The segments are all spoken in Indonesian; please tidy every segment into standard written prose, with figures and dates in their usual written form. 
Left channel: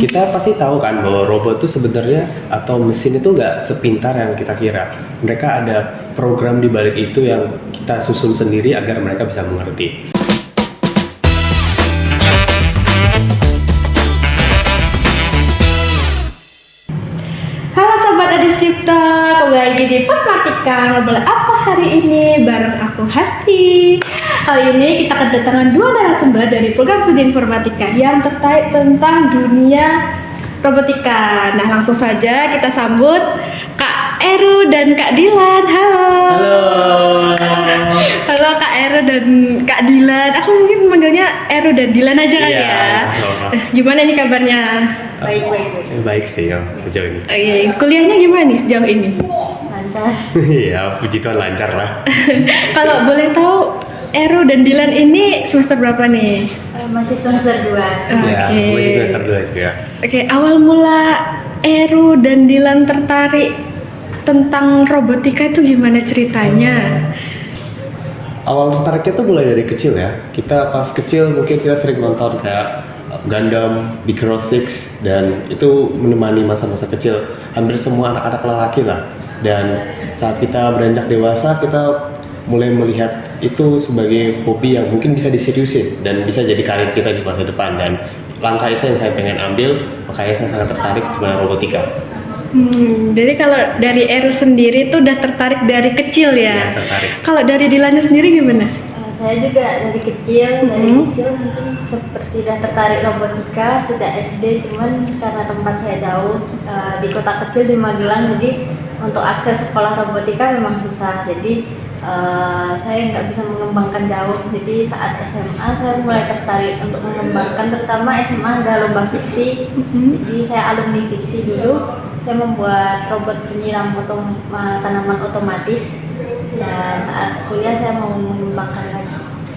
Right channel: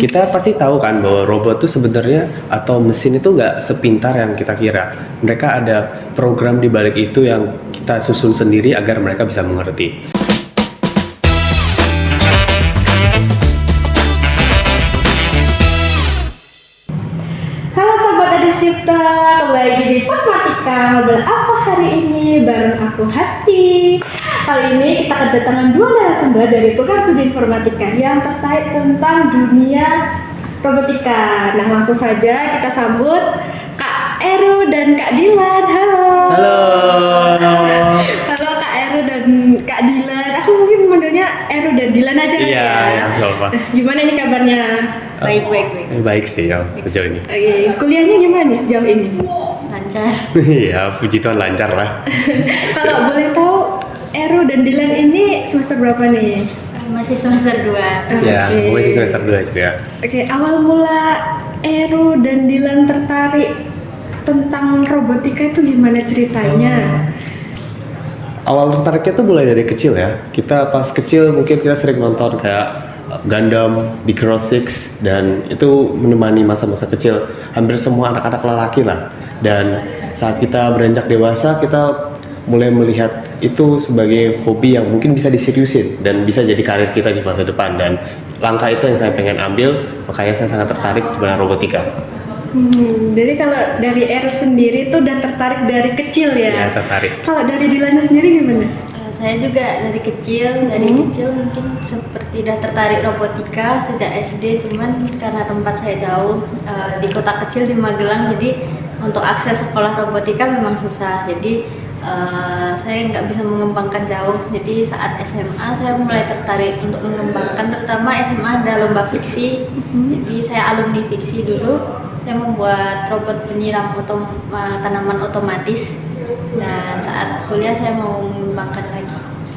Kita pasti tahu kan bahwa robot itu sebenarnya atau mesin itu nggak sepintar yang kita kira. Mereka ada program di balik itu yang kita susun sendiri agar mereka bisa mengerti. Halo Sobat Adisipta, kembali lagi di Permatika. Ngobrol apa hari ini bareng aku Hasti. Kali ini kita kedatangan dua narasumber dari program studi informatika yang terkait tentang dunia robotika. Nah, langsung saja kita sambut Kak Eru dan Kak Dilan. Halo. Halo. Halo Kak Eru dan Kak Dilan. Aku mungkin manggilnya Eru dan Dilan aja kali Iya, ya. nggak apa-apa. Gimana nih kabarnya? Baik. Baik sih ya sejauh ini. Kuliahnya gimana nih sejauh ini? Lancar. Iya, puji Tuhan lancar lah. Kalau boleh tahu, Eru dan Dilan ini semester berapa nih? Masih semester 2. Ya, Oke. gue di semester 2 juga. Oke, awal mula Eru dan Dilan tertarik tentang robotika itu gimana ceritanya? Awal tertariknya tuh mulai dari kecil ya. Kita pas kecil mungkin kita sering nonton kayak Gundam, Big Hero 6, dan itu menemani masa-masa kecil hampir semua anak-anak lelaki lah. Dan saat kita beranjak dewasa, kita mulai melihat itu sebagai hobi yang mungkin bisa diseriusin dan bisa jadi karir kita di masa depan. Dan langkah itu yang saya pengen ambil, makanya saya sangat tertarik dengan robotika. Jadi kalau dari Eru sendiri tuh udah tertarik dari kecil Ya, ya? tertarik. Kalau dari Dilannya sendiri gimana? Saya juga dari kecil mungkin seperti udah tertarik robotika sejak SD, cuman karena tempat saya jauh di kota kecil di Magelang, jadi untuk akses sekolah robotika memang susah. Jadi saya nggak bisa mengembangkan jauh. Jadi saat SMA saya mulai tertarik untuk mengembangkan, terutama SMA ada lomba fiksi. Jadi saya alumni fiksi dulu. Saya membuat robot penyiram tanaman otomatis, dan saat kuliah saya mau mengembangkan lagi.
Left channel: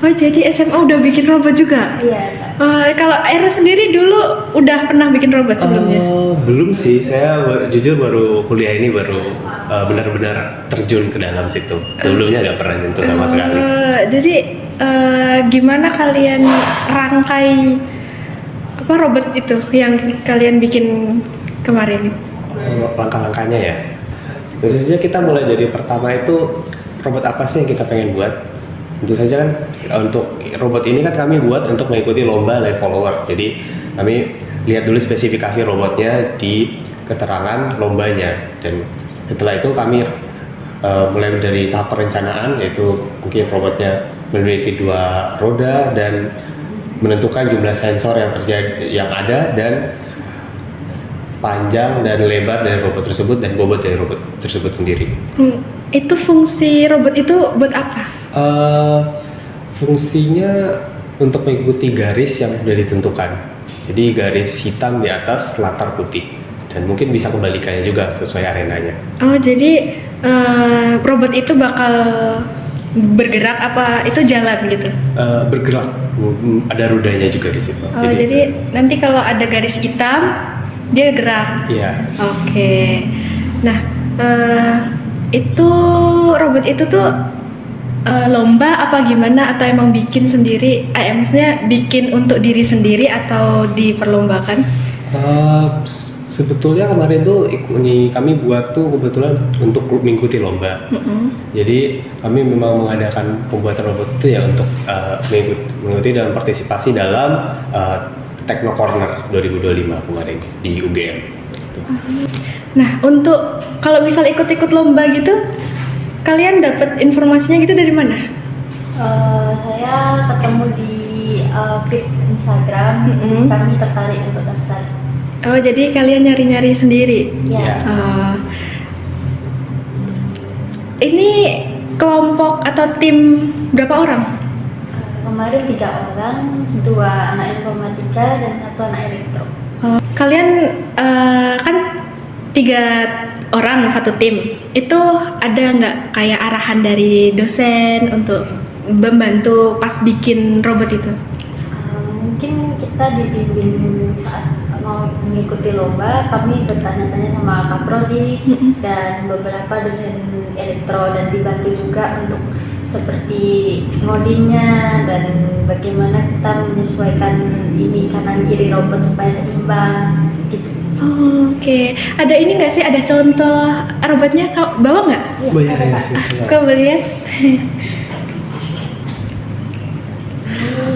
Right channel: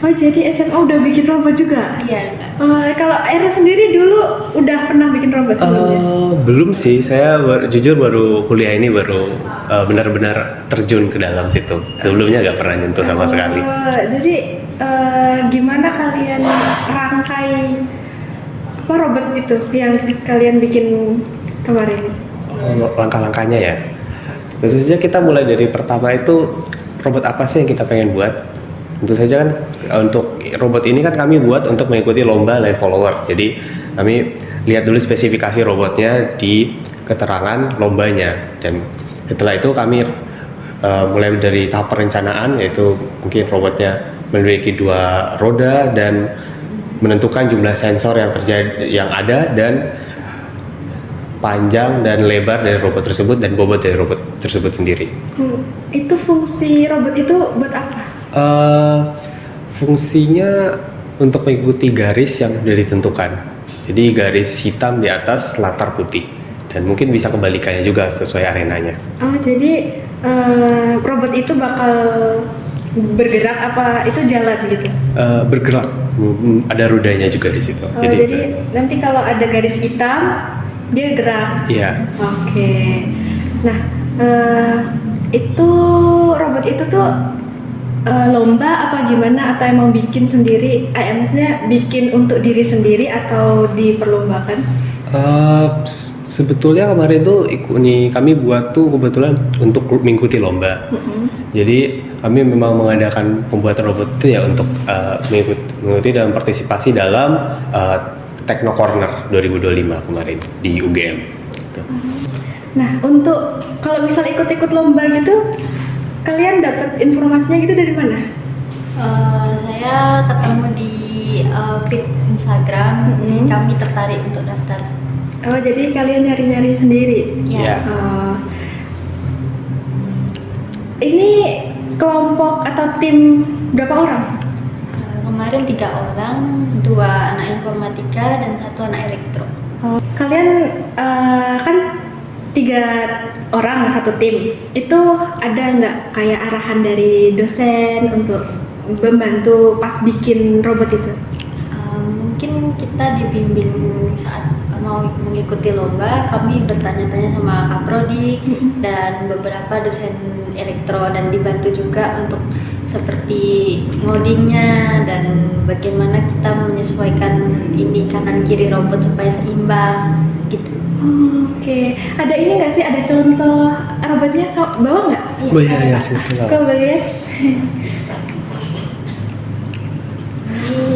Oh, jadi SMA udah bikin robot juga? Iya. Kalau Eru sendiri dulu udah pernah bikin robot sebelumnya? Belum sih, saya jujur baru kuliah ini baru benar-benar terjun ke dalam situ. Sebelumnya nggak pernah nyentuh sama sekali. Jadi gimana kalian rangkai apa robot itu yang kalian bikin kemarin? Langkah-langkahnya ya. Tentu saja kita mulai dari pertama itu robot apa sih yang kita pengen buat. Tentu saja kan untuk robot ini kan kami buat untuk mengikuti lomba line follower. Jadi kami lihat dulu spesifikasi robotnya di keterangan lombanya, dan setelah itu kami mulai dari tahap perencanaan, yaitu mungkin robotnya memiliki 2 roda dan menentukan jumlah sensor yang ada dan panjang dan lebar dari robot tersebut dan bobot dari robot tersebut sendiri. Itu fungsi robot itu buat apa? Fungsinya untuk mengikuti garis yang sudah ditentukan. Jadi garis hitam di atas latar putih, dan mungkin bisa kebalikannya juga sesuai arenanya. Oh, jadi robot itu bakal bergerak apa itu jalan gitu? Bergerak, ada rodanya juga di situ. Oh, jadi nanti kalau ada garis hitam dia gerak. Iya. Oke. Nah, itu robot itu tuh lomba apa gimana, atau emang bikin sendiri? Maksudnya bikin untuk diri sendiri atau diperlombakan? Sebetulnya kemarin tuh kami buat tuh kebetulan untuk mengikuti lomba. Jadi kami memang mengadakan pembuatan robot itu ya untuk mengikuti dan partisipasi dalam Techno Corner 2025 kemarin di UGM. Nah, untuk kalau misal ikut-ikut lomba gitu, kalian dapat informasinya gitu dari mana? Saya ketemu di feed Instagram, jadi kami tertarik untuk daftar. Oh, jadi kalian nyari-nyari sendiri? Ya. Ini kelompok atau tim berapa orang? Kemarin 3 orang, 2 anak informatika dan 1 anak elektro. Kalian kan 3 orang satu tim. Itu ada nggak kayak arahan dari dosen untuk membantu pas bikin robot itu? Mungkin kita dibimbing saat mau mengikuti lomba, kami bertanya-tanya sama Kak Prodi dan beberapa dosen elektro, dan dibantu juga untuk seperti ngodingnya dan bagaimana kita menyesuaikan ini kanan kiri robot supaya seimbang. Oke, ada ini nggak sih? Ada contoh robotnya? Kau bawa nggak? Iya, ya, silakan. Kau boleh lihat?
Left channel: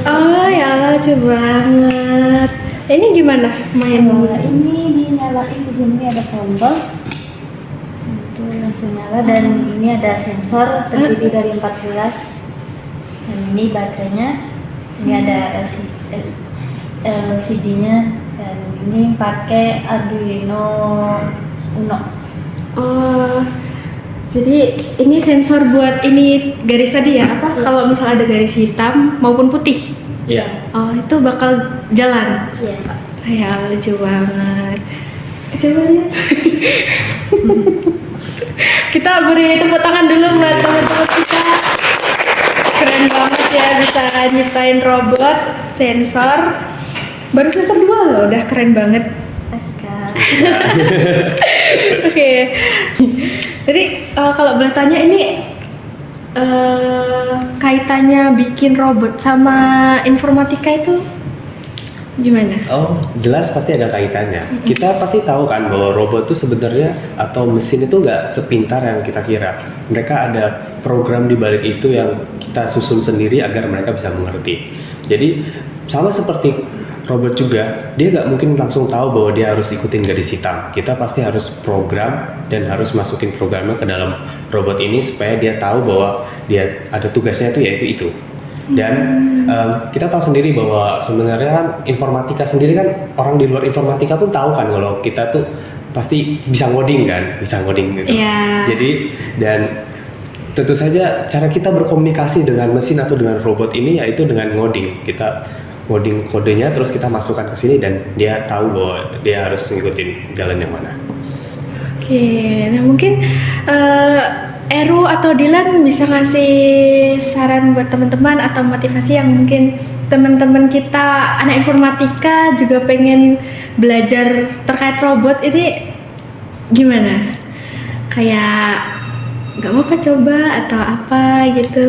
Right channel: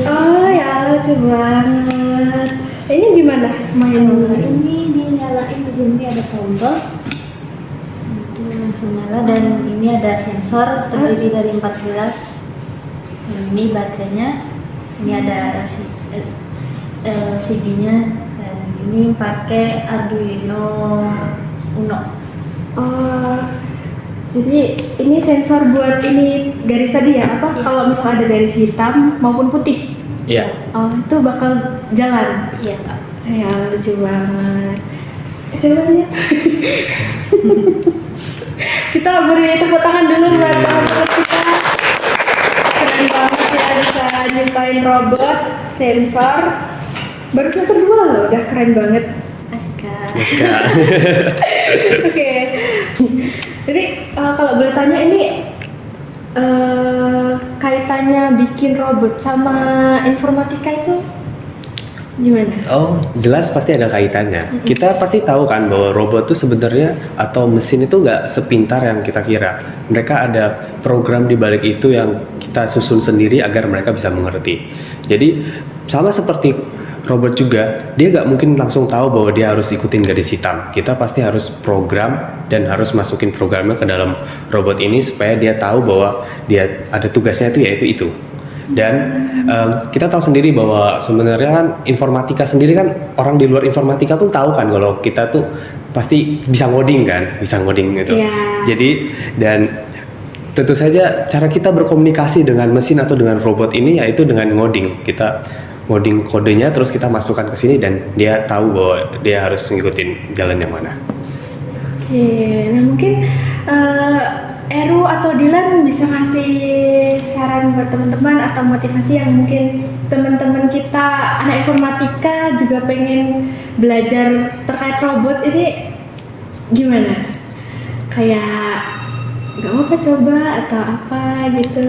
Oh ya, lucu banget. Ini gimana main? Ini dinyalain, di sini ada tombol itu langsung nyala, dan ini ada sensor terdiri dari 4 gelas. Dan ini baterainya, ini ada LCD-nya, dan ini pakai Arduino Uno. Oh, jadi ini sensor buat ini garis tadi ya? Apa? Kalau misalnya ada garis hitam maupun putih? Iya. Oh, itu bakal jalan. Iya. Ya, lucu banget. Coba lihat. Kita beri tepuk tangan dulu buat teman-teman kita. Keren banget ya bisa nyiptain robot sensor. Baru semester 2 loh, udah keren banget. Askar. Oke. Jadi kalau boleh tanya ini kaitannya bikin robot sama informatika itu gimana? Oh, jelas pasti ada kaitannya. Kita pasti tahu kan bahwa robot itu sebenarnya atau mesin itu nggak sepintar yang kita kira. Mereka ada program di balik itu yang kita susun sendiri agar mereka bisa mengerti. Jadi sama seperti robot juga, dia nggak mungkin langsung tahu bahwa dia harus ikutin garis hitam. Kita pasti harus program dan harus masukin programnya ke dalam robot ini supaya dia tahu bahwa dia ada tugasnya itu yaitu itu. Dan kita tahu sendiri bahwa sebenarnya kan informatika sendiri kan, orang di luar informatika pun tahu kan kalau kita tuh pasti bisa ngoding kan, bisa ngoding gitu. Iya. Jadi dan tentu saja cara kita berkomunikasi dengan mesin atau dengan robot ini yaitu dengan ngoding. Kita ngoding kodenya terus kita masukkan ke sini dan dia tahu bahwa dia harus ngikutin jalan yang mana. Oke, nah mungkin Eru atau Dilan bisa ngasih saran buat teman-teman atau motivasi yang mungkin teman-teman kita anak informatika juga pengen belajar terkait robot ini gimana? Kayak nggak apa-apa coba atau apa gitu?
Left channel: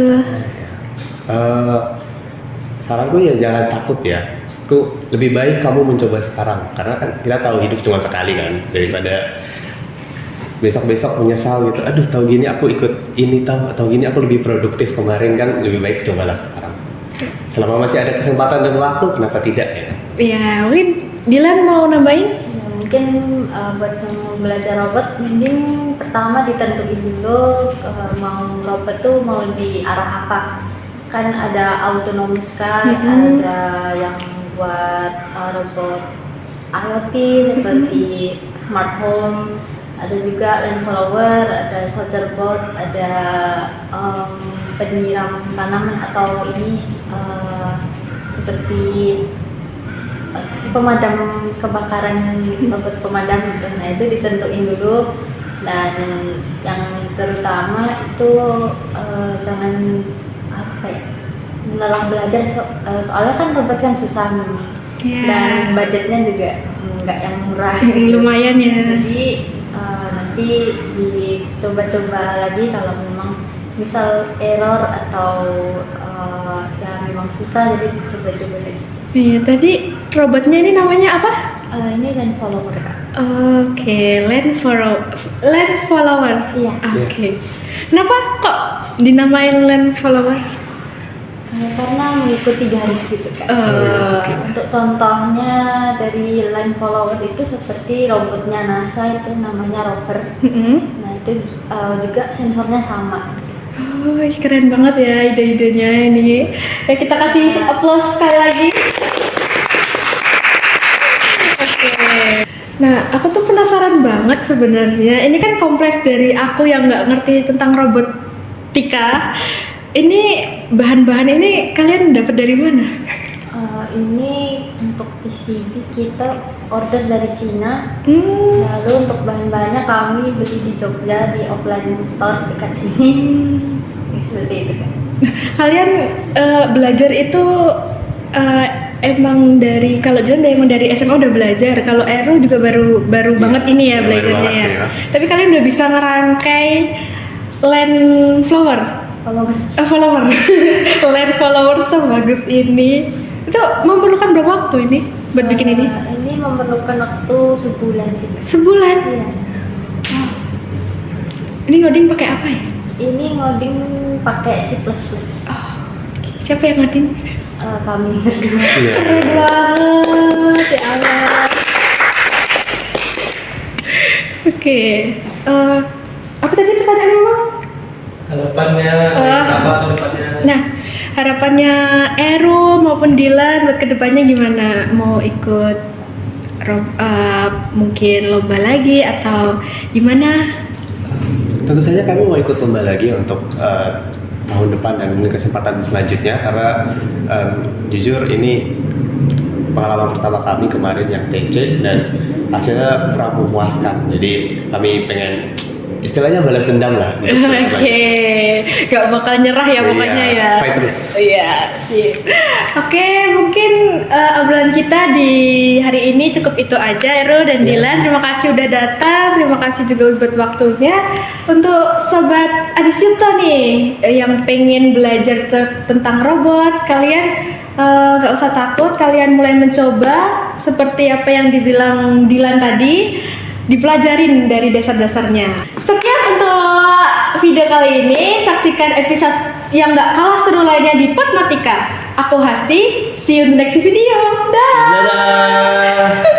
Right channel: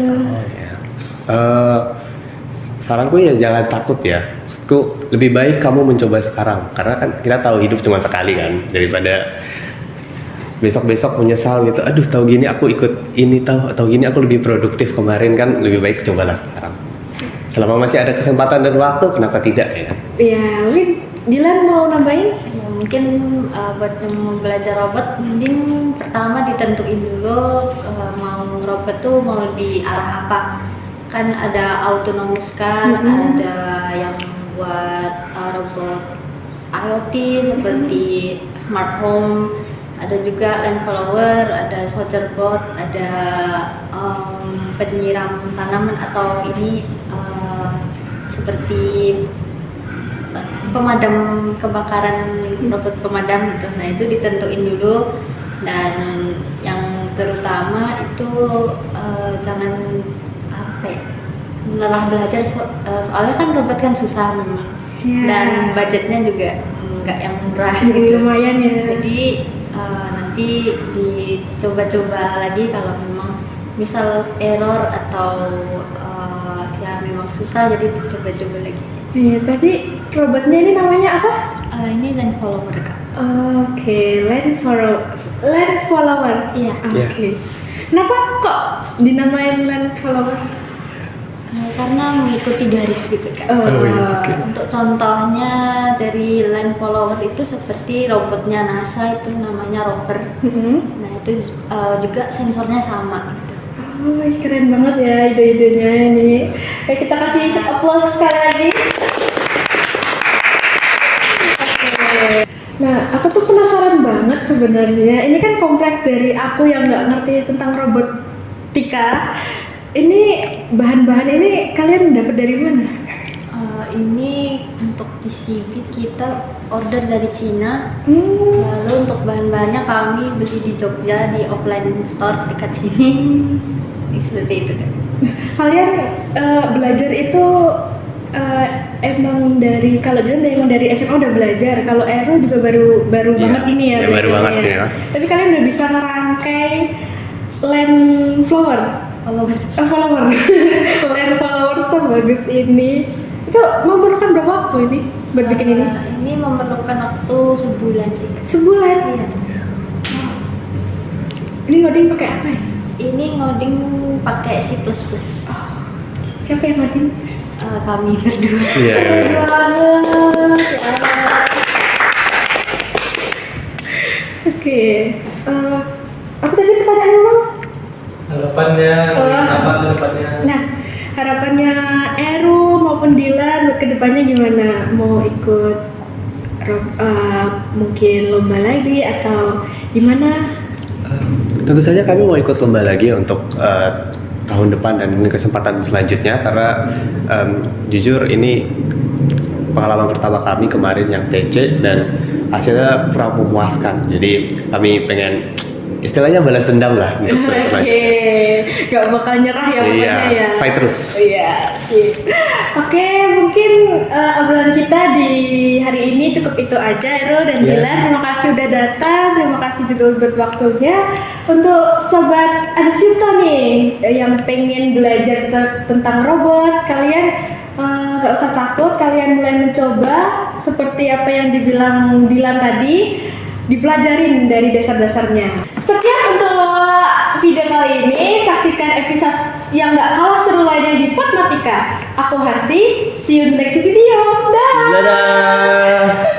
Saranku ya jangan takut ya. Maksudku lebih baik kamu mencoba sekarang karena kan kita tahu hidup cuma sekali kan, daripada besok-besok menyesal gitu. Aduh, tahu gini aku ikut ini atau gini aku lebih produktif kemarin kan, lebih baik cobalah sekarang. Selama masih ada kesempatan dan waktu, kenapa tidak ya? Ya, mungkin Dilan mau nambahin? Mungkin buat yang mau belajar robot, mungkin pertama ditentuin dulu mau robot tuh mau di arah apa. Kan ada autonomous car, ada yang buat robot IoT seperti smart home, ada juga land follower, ada soldier bot, ada penyiram tanaman atau ini seperti pemadam kebakaran, robot pemadam gitu. Nah itu ditentuin dulu, dan yang terutama itu jangan apa ya, lelah belajar soalnya kan robot kan susah memang. Yeah. Dan budgetnya juga nggak yang murah gitu. Lumayan ya. Jadi nanti dicoba-coba lagi kalau memang misal error atau ya memang susah, jadi dicoba-coba lagi. Iya, tadi robotnya ini namanya apa? Ini land follower Kak. Oke, land follower. Iya. Oke. Kenapa kok dinamain land follower? Karena mengikuti garis gitu kan. Untuk contohnya dari land follower itu seperti robotnya NASA itu namanya rover. Nah itu juga sensornya sama gitu. Oh, keren banget ya ide-idenya ini. Ya, kita kasih applause sekali lagi. Oke. Nah, aku tuh penasaran banget sebenarnya. Ini kan kompleks dari aku yang nggak ngerti tentang robotika. Ini bahan-bahan ini kalian dapat dari mana? Ini untuk PCB kita order dari Cina. Lalu untuk bahan-bahannya kami beli di Jogja di offline store dekat sini. Seperti itu kan. Kalian belajar itu emang dari, kalau John emang dari SMA udah belajar, kalau Eru juga baru Ya, banget ini ya belajarnya banget, ya. ya. Tapi kalian udah bisa ngerangkai land flower. Follower. Land follower sebagus ini. Itu memerlukan berapa waktu ini buat bikin ini? Ini memerlukan waktu sebulan sih. Sebulan. Iya. Ini ngoding pakai apa ya? Ini ngoding pakai C++. Siapa yang ngoding? Kami berdua. Iya. Keren banget. Ya ampun. Oke. Apa tadi pertanyaannya, Bang? Harapannya apa harapannya? Nah, harapannya Eru maupun Dilan buat kedepannya gimana? Mau ikut mungkin lomba lagi atau gimana? Tentu saja kami mau ikut lomba lagi untuk tahun depan dan kesempatan selanjutnya karena jujur ini pengalaman pertama kami kemarin yang TC dan hasilnya kurang memuaskan. Jadi kami pengen istilahnya balas dendam lah. Oke, gak bakal nyerah ya pokoknya ya. Fight terus. Iya, sip. Oke, mungkin obrolan kita di hari ini cukup itu aja, Eru dan Dilan. Terima kasih udah datang, terima kasih juga buat waktunya. Untuk sobat Adis Cipta nih yang pengen belajar tentang robot, kalian gak usah takut, kalian mulai mencoba seperti apa yang dibilang Dilan tadi, dipelajarin dari dasar-dasarnya. Sekian untuk video kali ini, saksikan episode yang gak kalah seru lainnya di Matematika. Aku Hasti, see you in the next video. Dah. Dadah.